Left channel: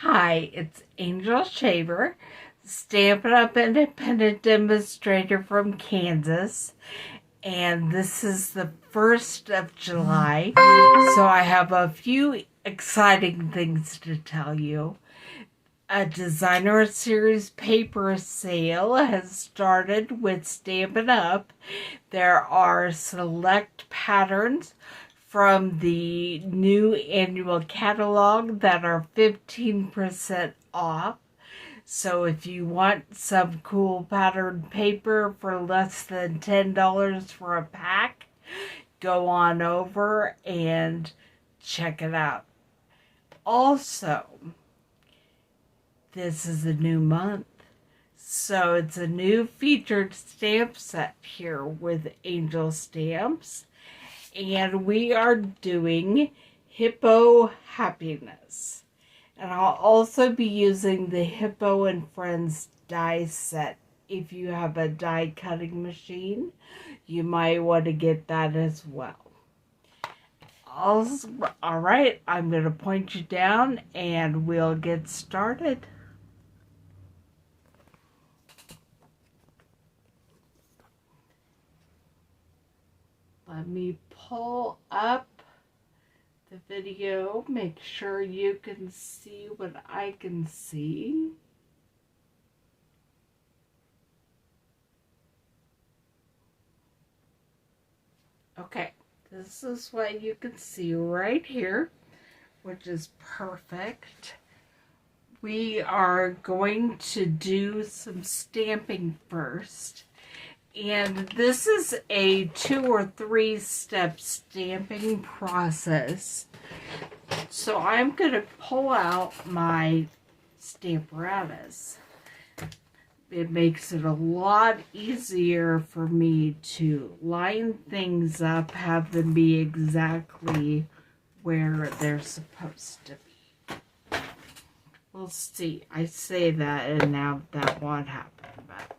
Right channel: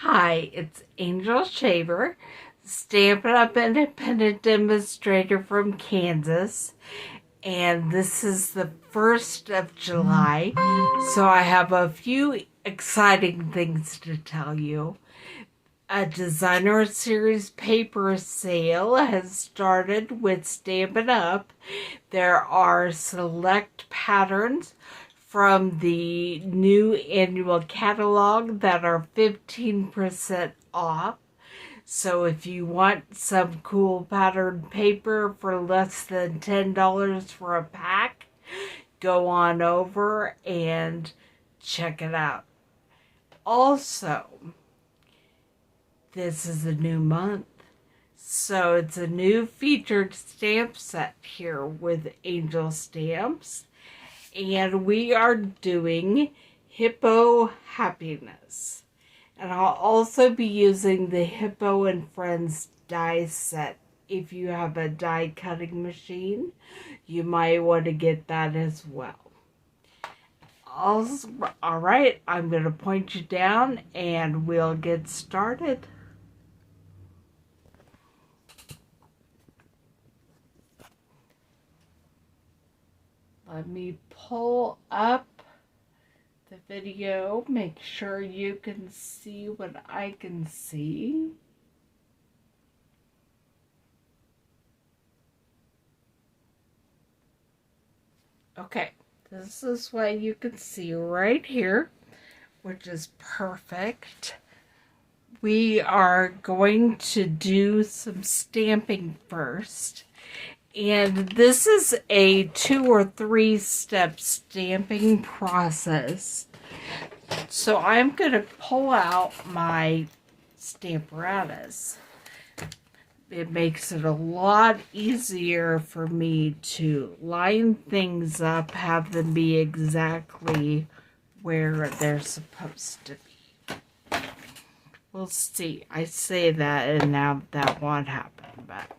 Hi, it's Angel Shaver, Stampin' Up Independent Demonstrator from Kansas, and this is the 1st of July, so I have a few exciting things to tell you. A Designer Series paper sale has started with Stampin' Up. There are select patterns from the new annual catalog that are 15% off. So if you want some cool patterned paper for less than $10 for a pack, go on over and check it out. Also, this is a new month, so it's a new featured stamp set here with Angel Stamps. And we are doing Hippo Happiness. And I'll also be using the Hippo and Friends die set. If you have a die cutting machine, you might want to get that as well. All right, I'm going to point you down and we'll get started. Let me pull up the video, make sure you can see what I can see. Okay, this is what you can see right here, which is perfect. We are going to do some stamping first. And this is a 2 or 3 step stamping process. So I'm going to pull out my Stamparatus. It makes it a lot easier for me to line things up, have them be exactly where they're supposed to be. We'll see. I say that and now that won't happen, but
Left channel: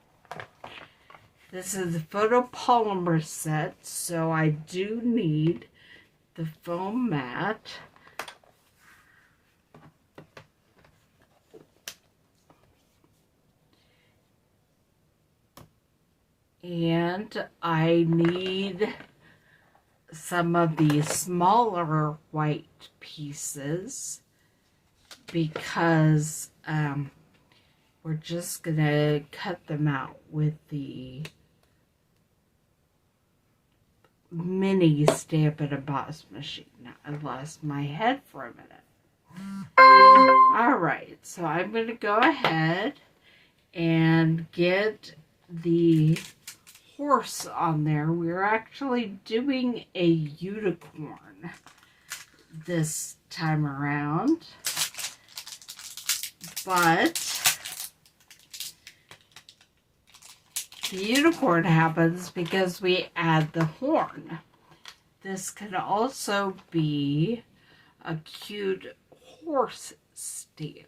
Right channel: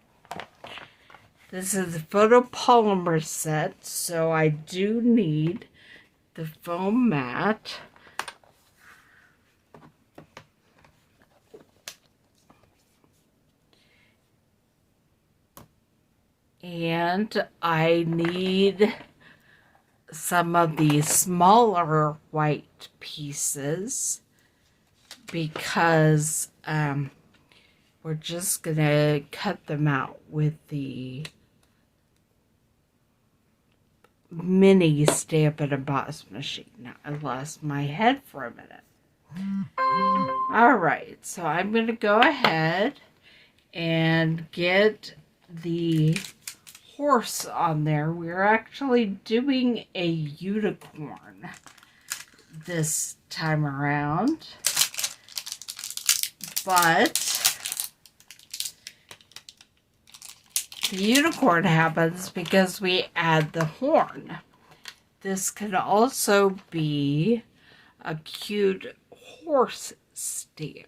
this is a photopolymer set, so I do need the foam mat. And I need some of the smaller white pieces because we're just going to cut them out with the mini Stampin' Emboss machine. I lost my head for a minute. Alright, so I'm going to go ahead and get the horse on there. We're actually doing a unicorn this time around, but the unicorn happens because we add the horn. This can also be a cute horse stamp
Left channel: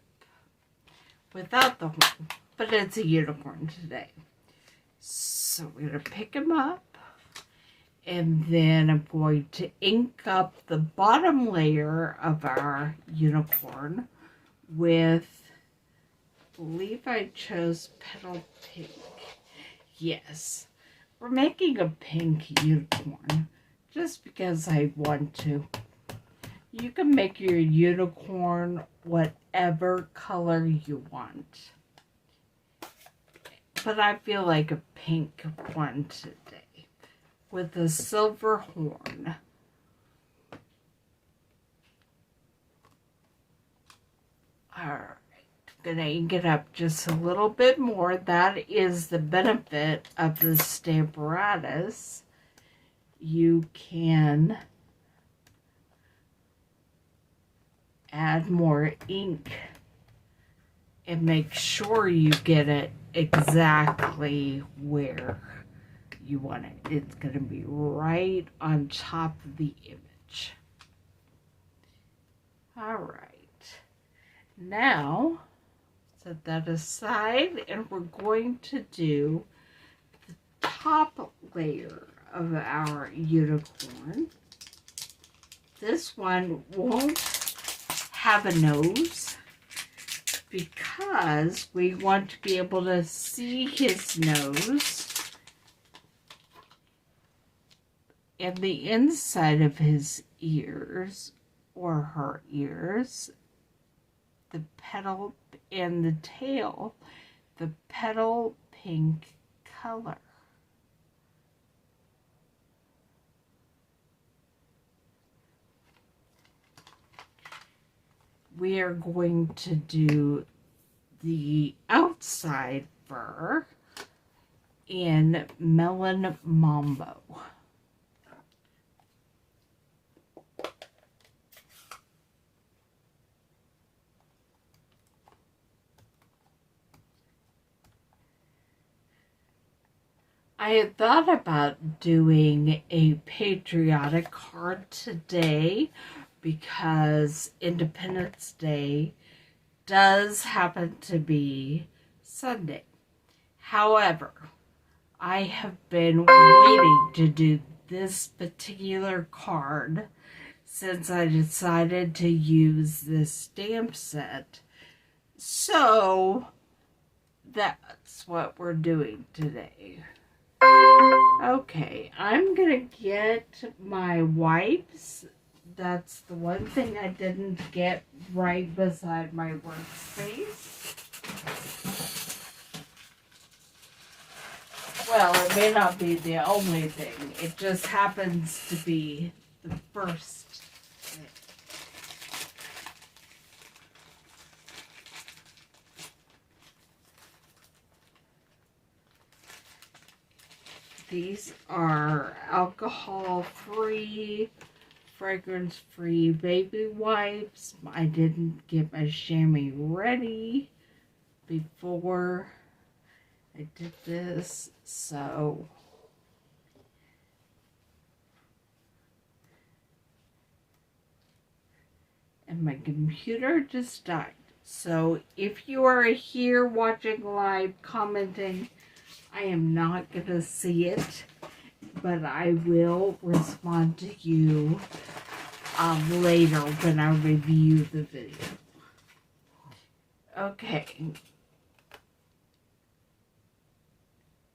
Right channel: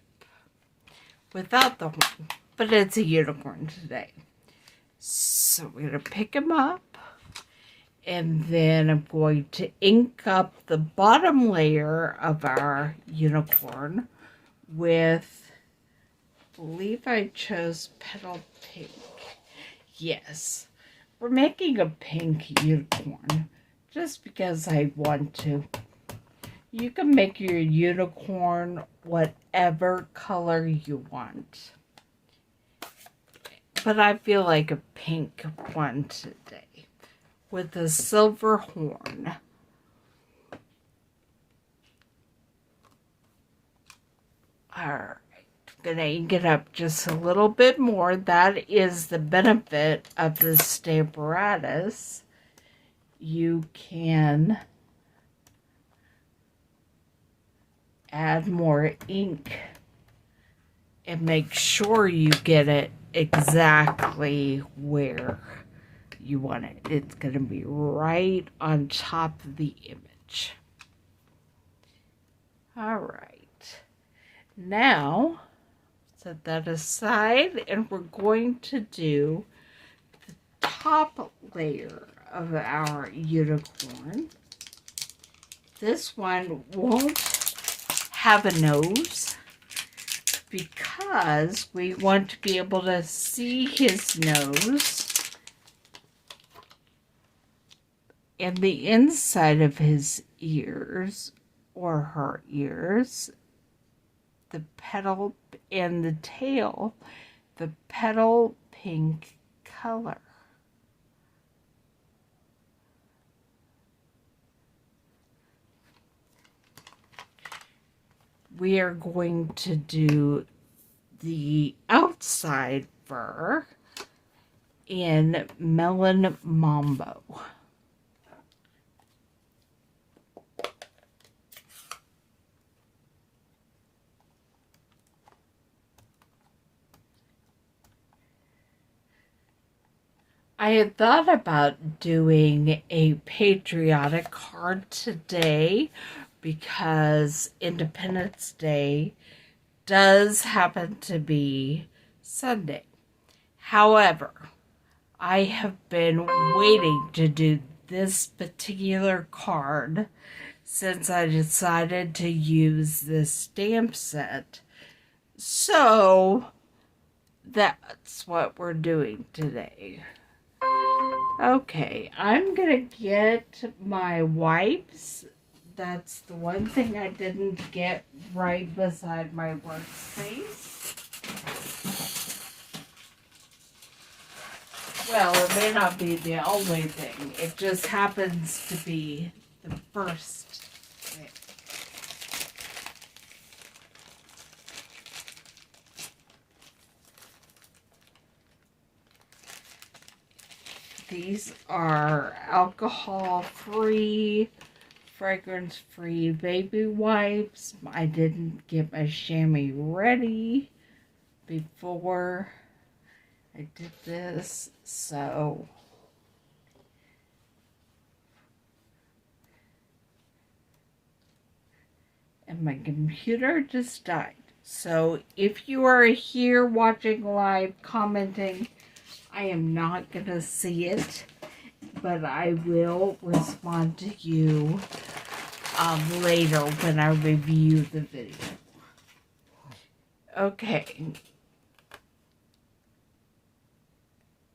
without the horn, but it's a unicorn today. So we're going to pick him up, and then I'm going to ink up the bottom layer of our unicorn with, I believe I chose Petal Pink. Yes, we're making a pink unicorn just because I want to. You can make your unicorn whatever color you want, but I feel like a pink one today with a silver horn. Alright. Gonna ink it up just a little bit more. That is the benefit of the Stamparatus. You can add more ink and make sure you get it exactly where you want it. It's going to be right on top of the image. Alright. Now, set that aside, and we're going to do the top layer of our unicorn. This one won't have a nose, because we want to be able to see his nose and the inside of his ears or her ears, the petal and the tail, the petal pink color. We are going to do the outside fur in Melon Mambo. I had thought about doing a patriotic card today because Independence Day does happen to be Sunday. However, I have been waiting to do this particular card since I decided to use this stamp set. So that's what we're doing today. Okay, I'm gonna get my wipes. That's the one thing I didn't get right beside my workspace. Well, it may not be the only thing. It just happens to be the first thing. These are alcohol-free, fragrance-free baby wipes. I didn't get my chamois ready before I did this, so and my computer just died. So if you are here watching live, commenting, I am not going to see it, but I will respond to you later when I review the video. Okay.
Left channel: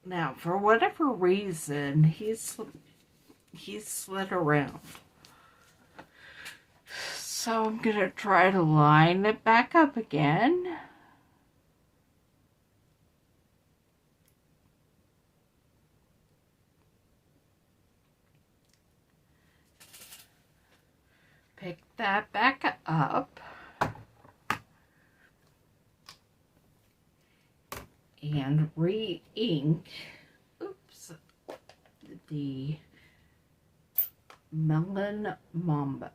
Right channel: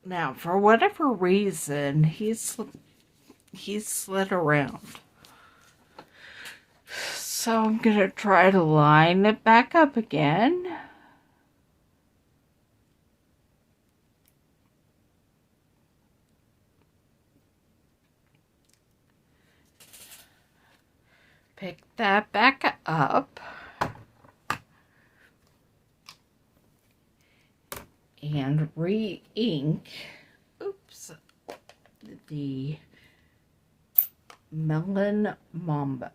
Now, for whatever reason, he's slid around. So I'm going to try to line it back up again. Pick that back up. And re-ink, the Melon Mambo.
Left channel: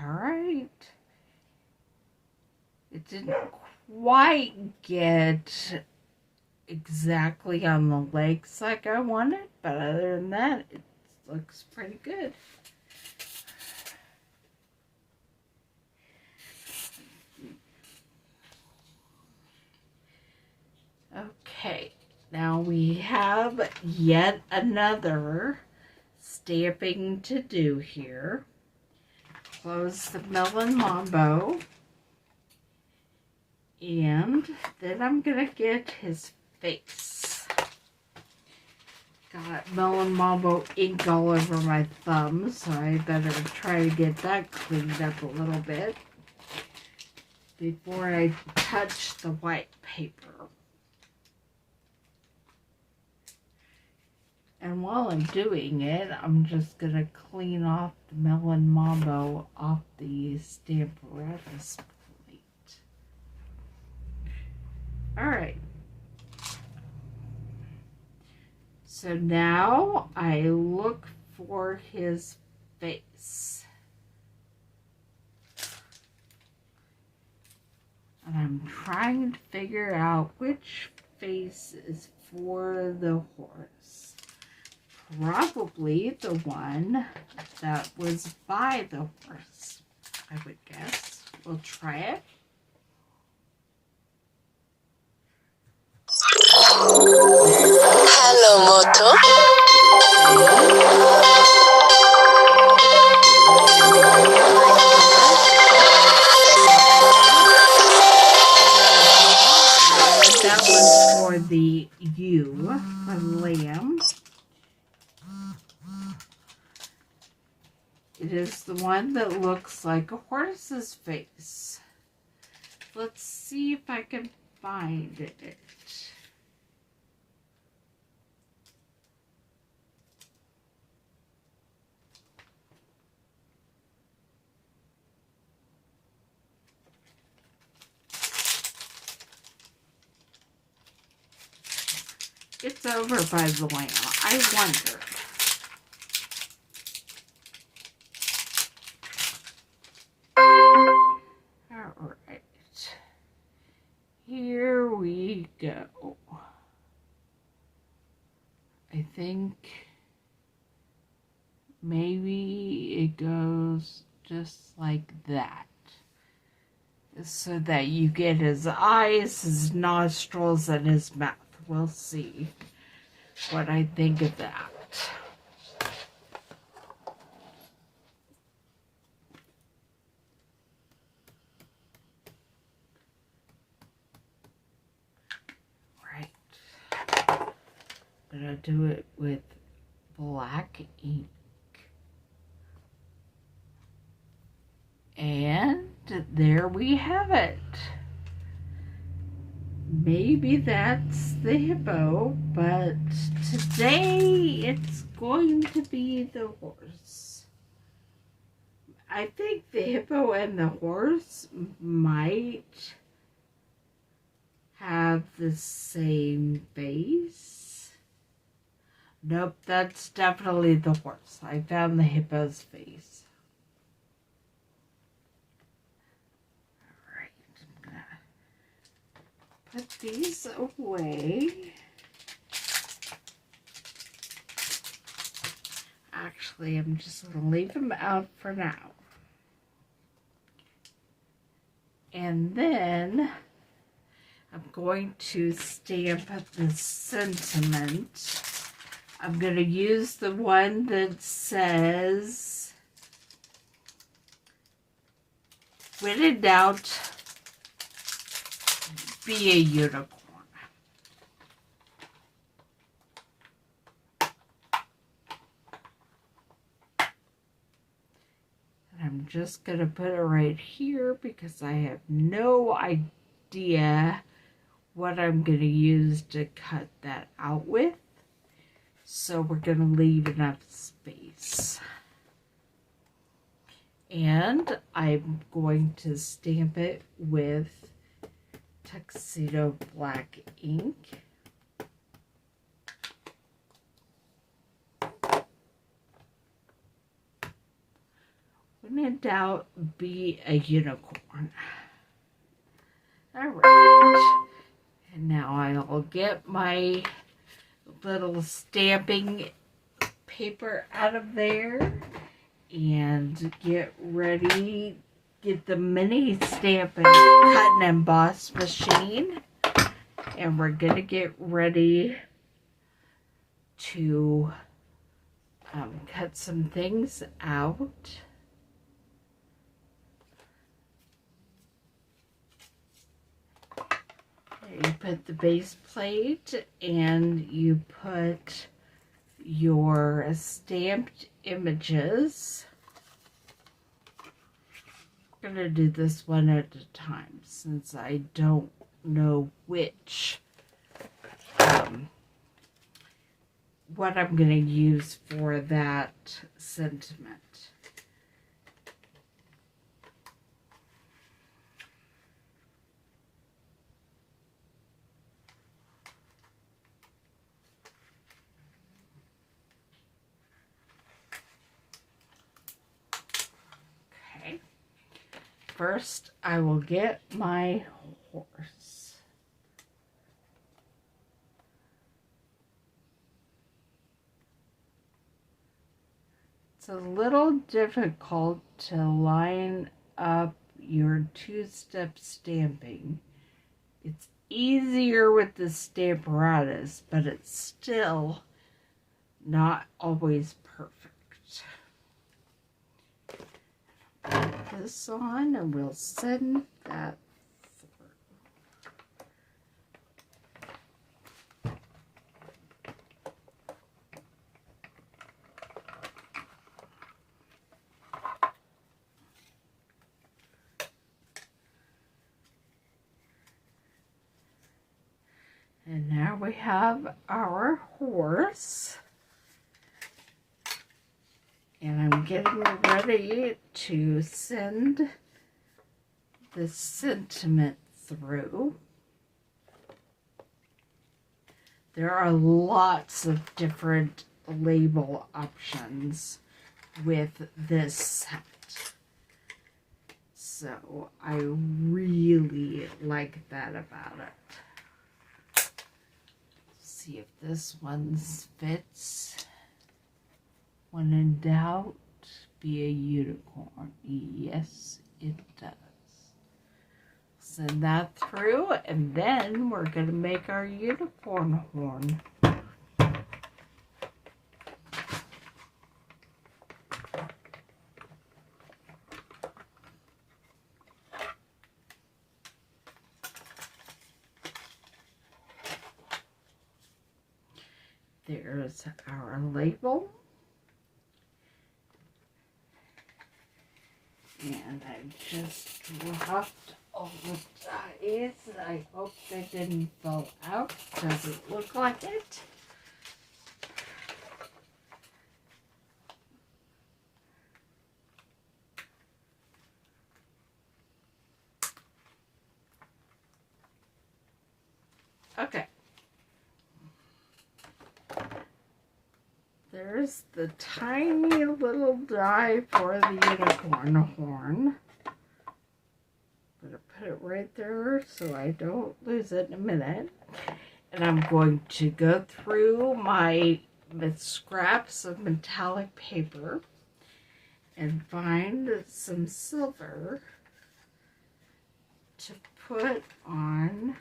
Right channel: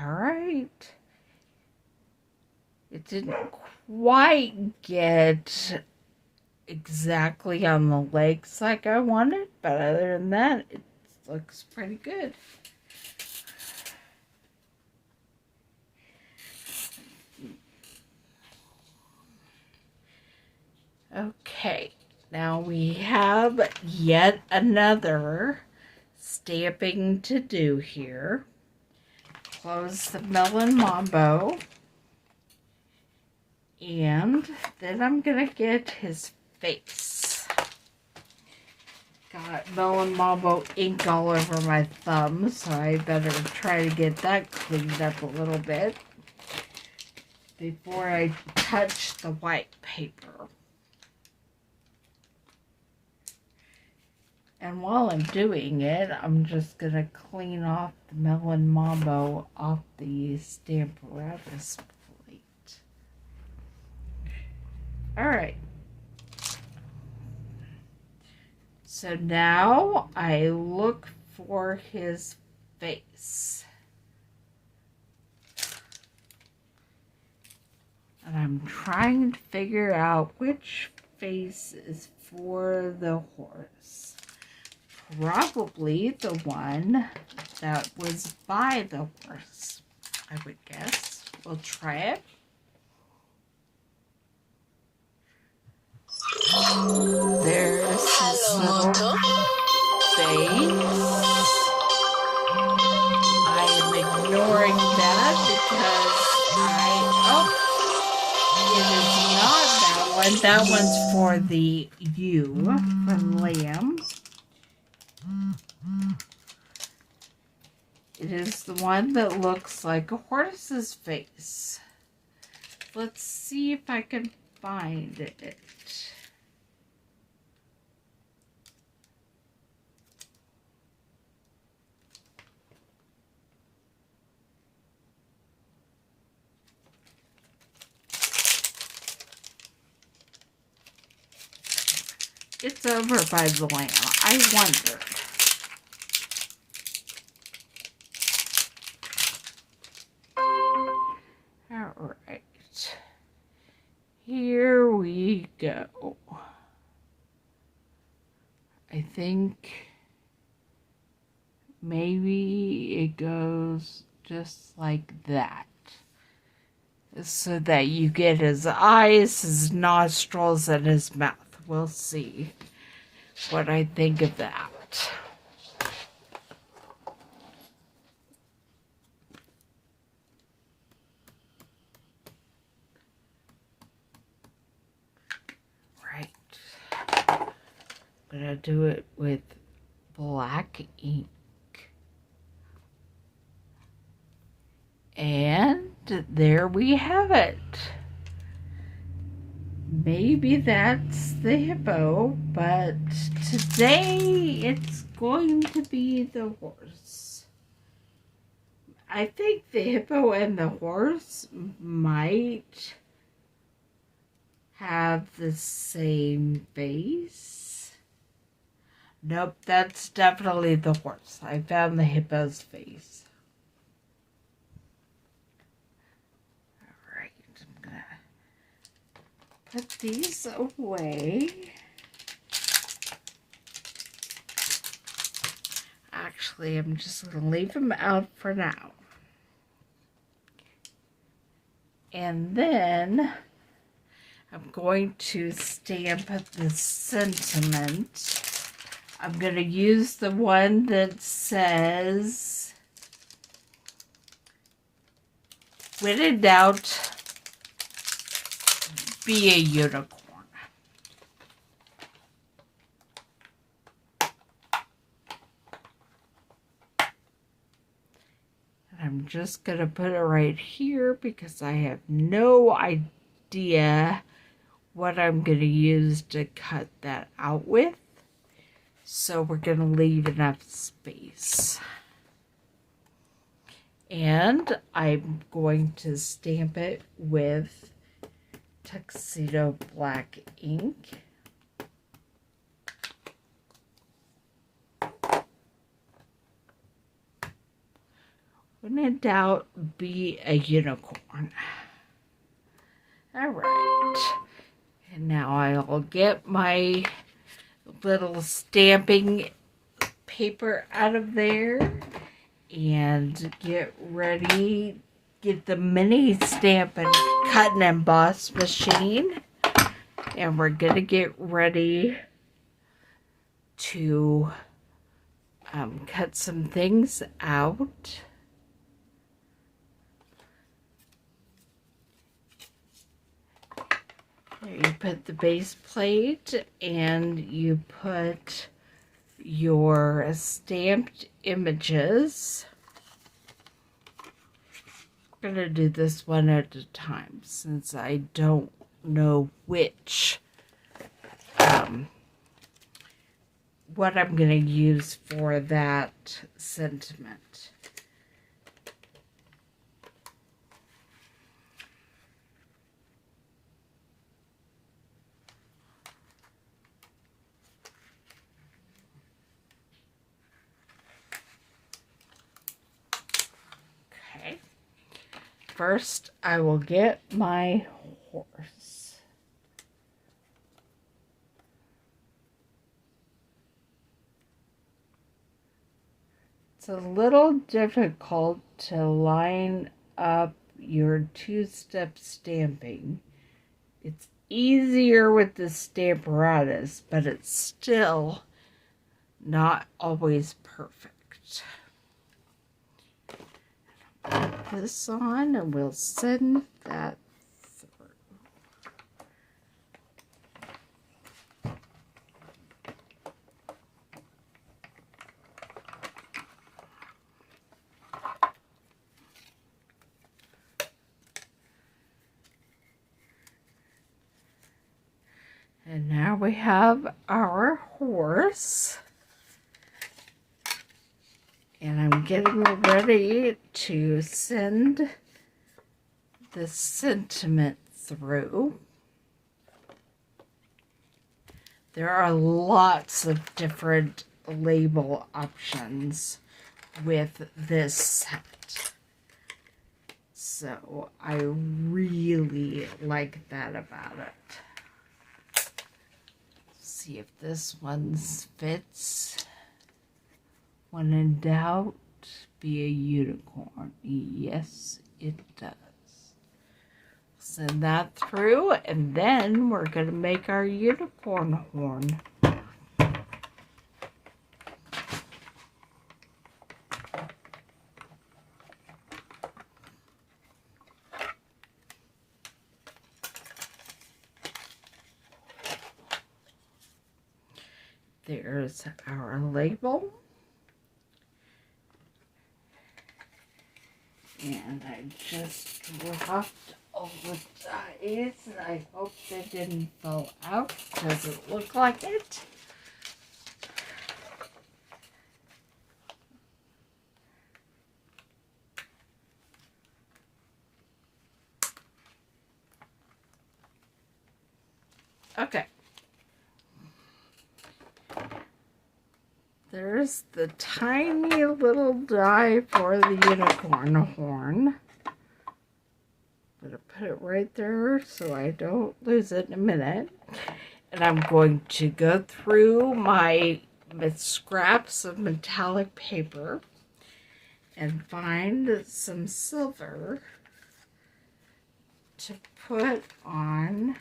All right. It didn't quite get exactly on the legs like I wanted, but other than that, it looks pretty good. Okay, now we have yet another stamping to do here. Close the Melon Mambo. And then I'm going to get his face. Got Melon Mambo ink all over my thumb, so I better try to get that cleaned up a little bit before I touch the white paper. And while I'm doing it, I'm just going to clean off the Melon Mambo off the Stamparatus plate. Alright. So now I look for his face. And I'm trying to figure out which face is for the horse. Probably the one that was by the horse, I would guess. We'll try it. Hello, Moto. That one's for the U for lamb. It is the one that looks like a horse's face. Let's see if I can find it. It's over by the lamb. I wonder. All right. Here we go. I think maybe it goes just like that. So that you get his eyes, his nostrils, and his mouth. We'll see what I think of that. Right. I'm gonna do it with black ink. And there we have it. Maybe that's the hippo, but today it's going to be the horse. I think the hippo and the horse might have the same face. Nope, that's definitely the horse. I found the hippo's face. Alright, I'm gonna put these away. Actually, I'm just gonna leave them out for now. And then I'm going to stamp the sentiment. I'm going to use the one that says, when in doubt, be a unicorn. I'm just going to put it right here because I have no idea what I'm going to use to cut that out with. So we're going to leave enough space. And I'm going to stamp it with tuxedo black ink. When in doubt, be a unicorn. All right. And now I'll get my little stamping paper out of there and get ready. Get the mini Stampin' Cut and Emboss machine. And we're going to get ready to cut some things out. You put the base plate and you put your stamped images. I'm going to do this one at a time since I don't know which, what I'm going to use for that sentiment. First, I will get my horse. It's a little difficult to line up your two-step stamping. It's easier with the Stamparatus, but it's still not always perfect. Put this on and we'll send that through. And now we have our horse. And I'm getting ready to send the sentiment through. There are lots of different label options with this set. So I really like that about it. See if this one fits. When in doubt, be a unicorn. Yes, it does. Send that through, and then we're going to make our unicorn horn. There's our label. And I just dropped all the dies. I hope they didn't fall out. Doesn't look like it. Okay. There's the tiny little die for the unicorn horn. I'm going to put it right there so I don't lose it in a minute. And I'm going to go through my scraps of metallic paper and find some silver to put on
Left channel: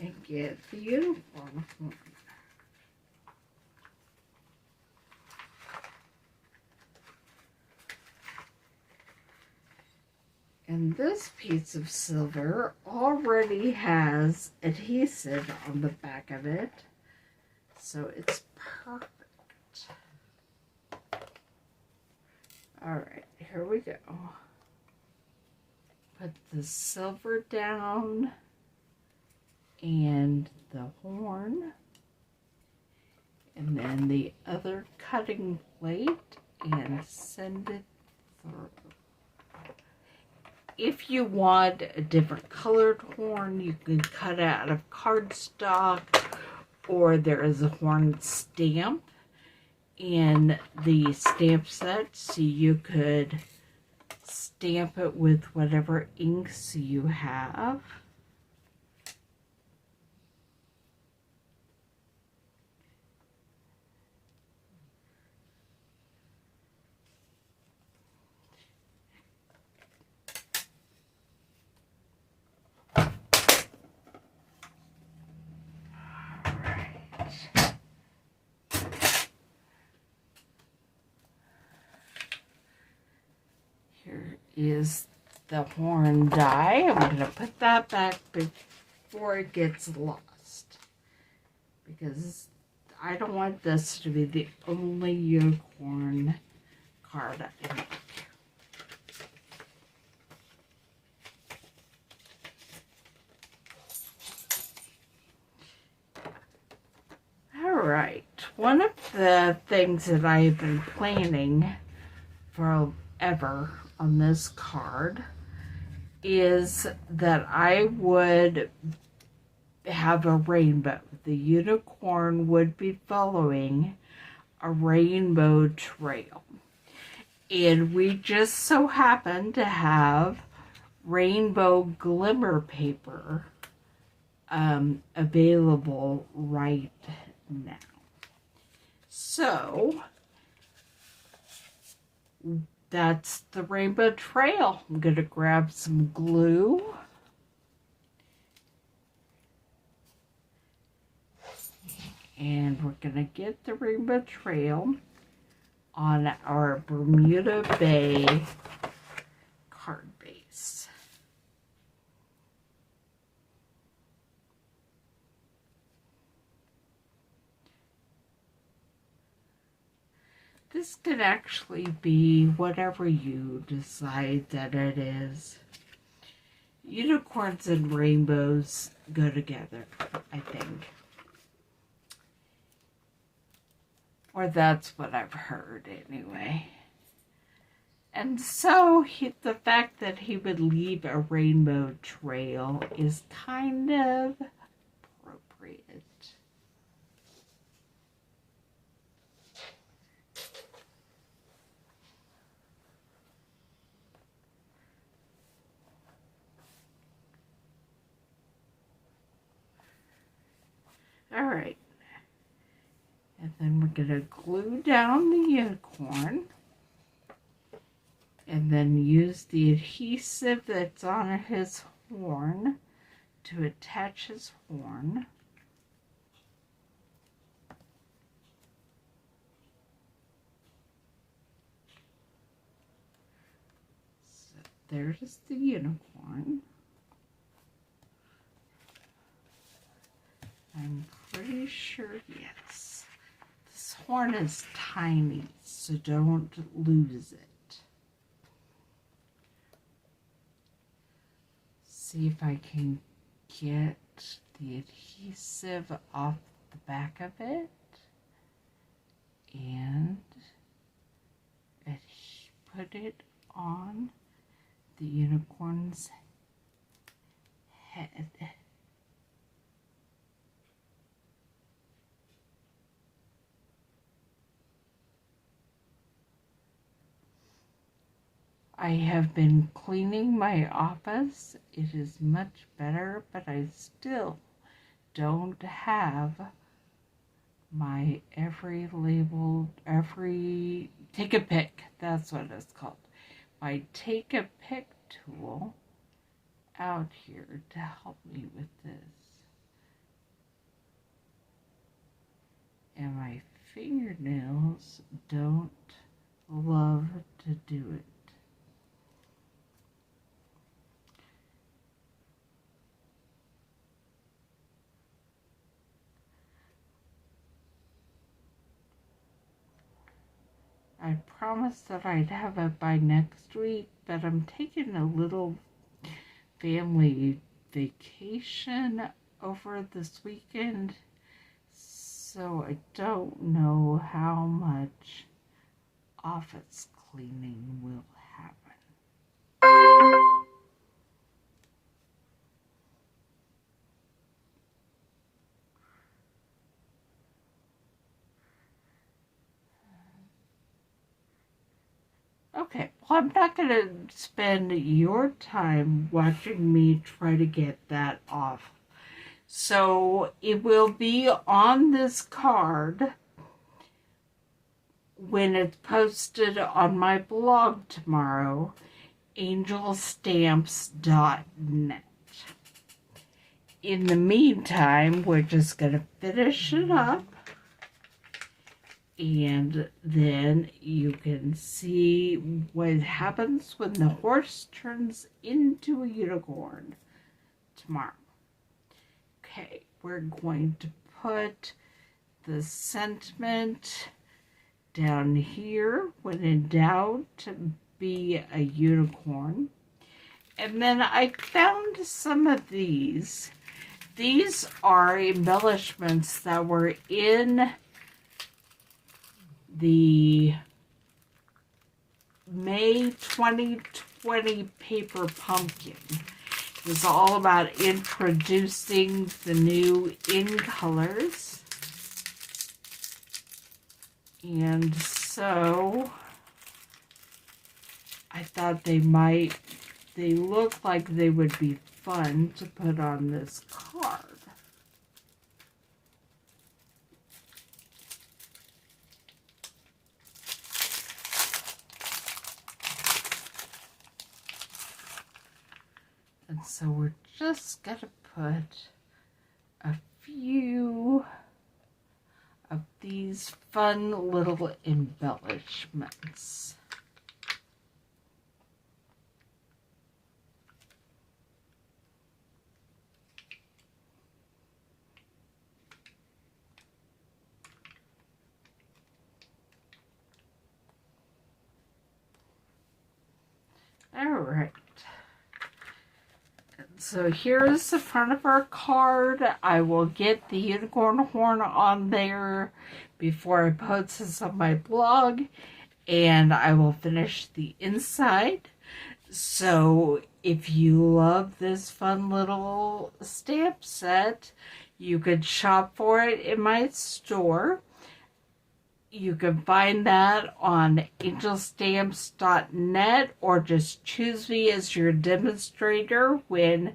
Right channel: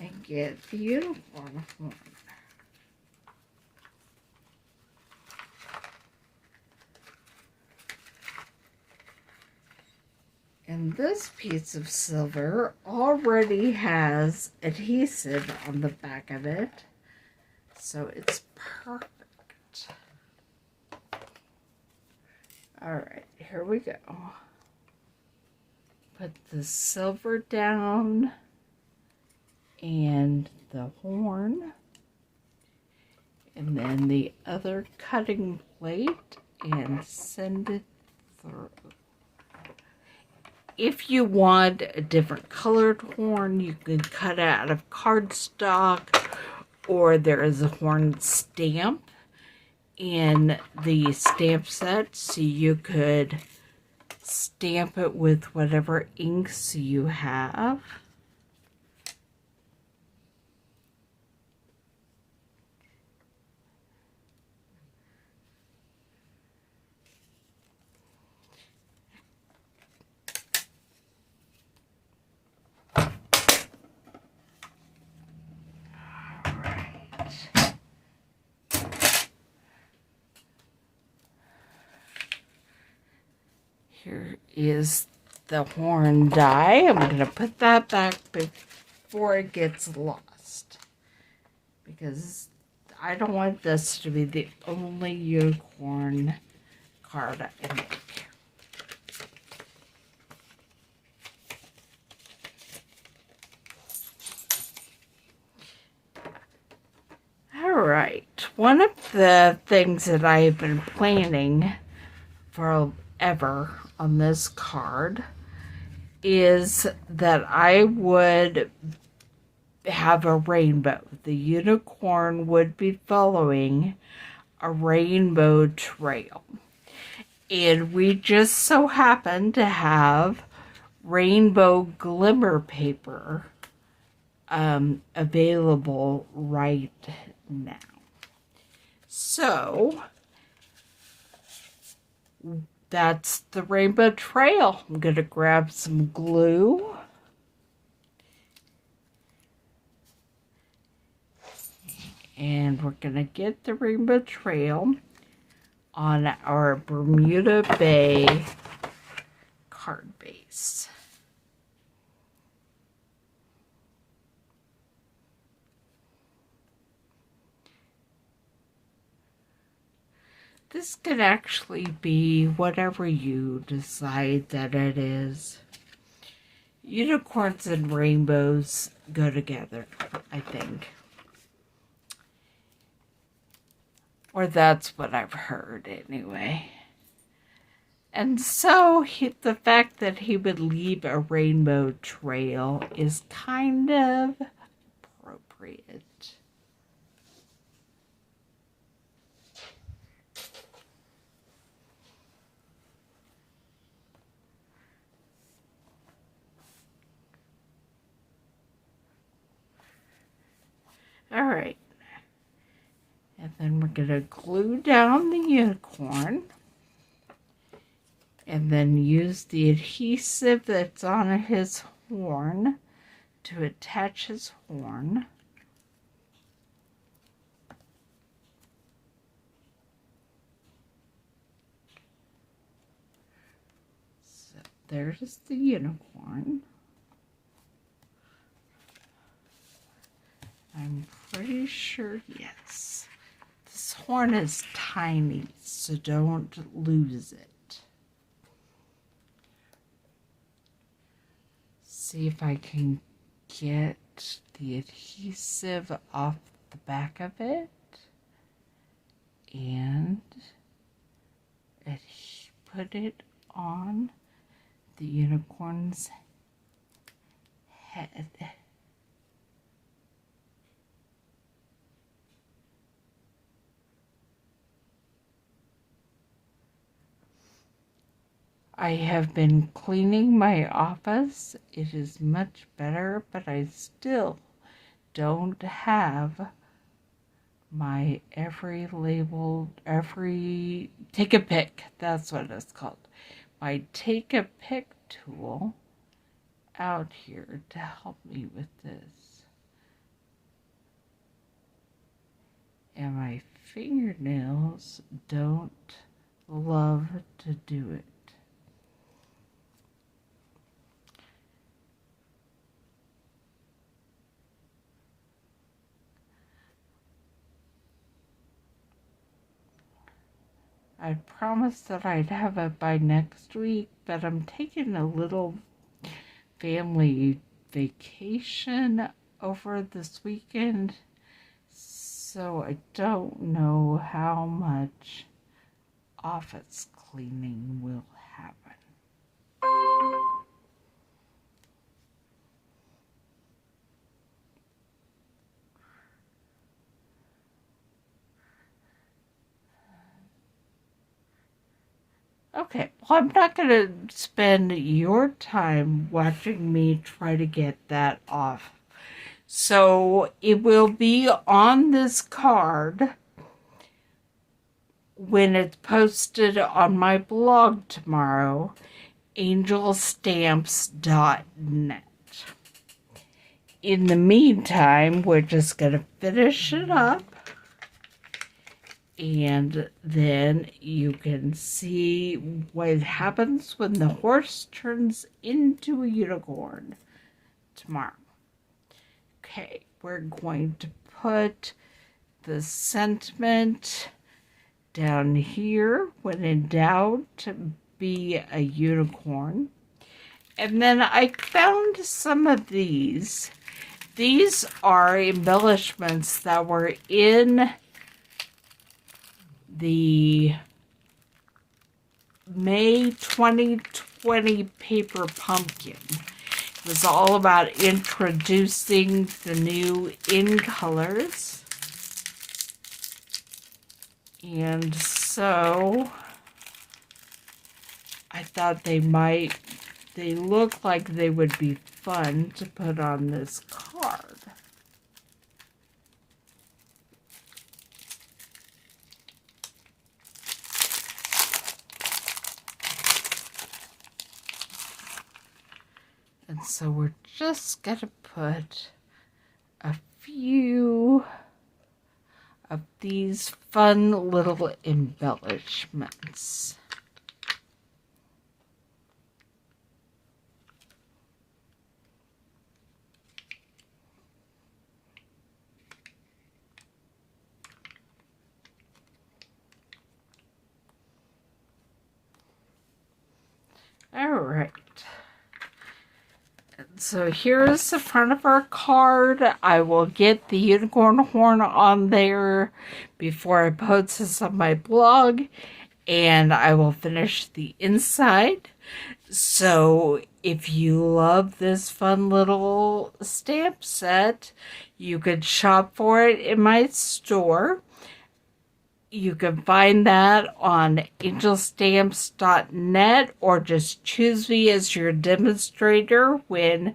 and get the unicorn horn. And this piece of silver already has adhesive on the back of it, so it's perfect. All right, here we go. Put the silver down and the horn, and then the other cutting plate, and send it through. If you want a different colored horn, you can cut it out of cardstock, or there is a horn stamp in the stamp set, so you could stamp it with whatever inks you have. Here is the horn die. I'm going to put that back before it gets lost, because I don't want this to be the only unicorn card I make. Alright, one of the things that I have been planning forever on this card is that I would have a rainbow. The unicorn would be following a rainbow trail. And we just so happen to have Rainbow Glimmer paper available right now. So that's the rainbow trail. I'm going to grab some glue And we're going to get the rainbow trail on our Bermuda Bay card base. This could actually be whatever you decide that it is. Unicorns and rainbows go together, I think. Or that's what I've heard anyway. And so the fact that he would leave a rainbow trail is kind of appropriate. All right. And then we're going to glue down the unicorn. And then use the adhesive that's on his horn to attach his horn. So there's the unicorn. I'm pretty sure, yes. This horn is tiny, so don't lose it. See if I can get the adhesive off the back of it and put it on the unicorn's head. I have been cleaning my office. It is much better, but I still don't have my every take a pick, that's what it's called. My take a pick tool out here to help me with this. And my fingernails don't love to do it. I promised that I'd have it by next week, but I'm taking a little family vacation over this weekend, so I don't know how much office cleaning will happen. Okay, well, I'm not going to spend your time watching me try to get that off. So it will be on this card when it's posted on my blog tomorrow, angelstamps.net. In the meantime, we're just going to finish it up. And then you can see what happens when the horse turns into a unicorn tomorrow. Okay, we're going to put the sentiment down here, when in doubt, be a unicorn. And then I found some of these. These are embellishments that were in the May 2020 paper pumpkin. It was all about introducing the new in colors. And so I thought they look like they would be fun to put on this card. And so we're just going to put a few of these fun little embellishments. All right. So here's the front of our card. I will get the unicorn horn on there before I post this on my blog, and I will finish the inside. So if you love this fun little stamp set, you could shop for it in my store. You can find that on angelstamps.net, or just choose me as your demonstrator when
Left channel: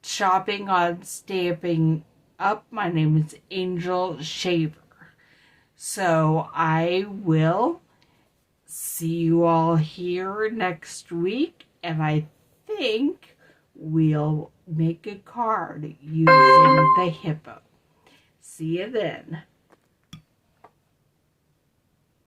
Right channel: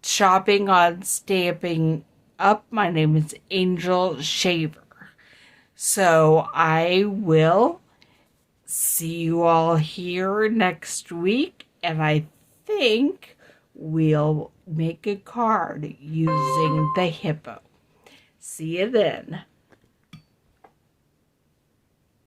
shopping on Stampin' Up. My name is Angel Shaver. So I will see you all here next week, and I think we'll make a card using the hippo. See you then.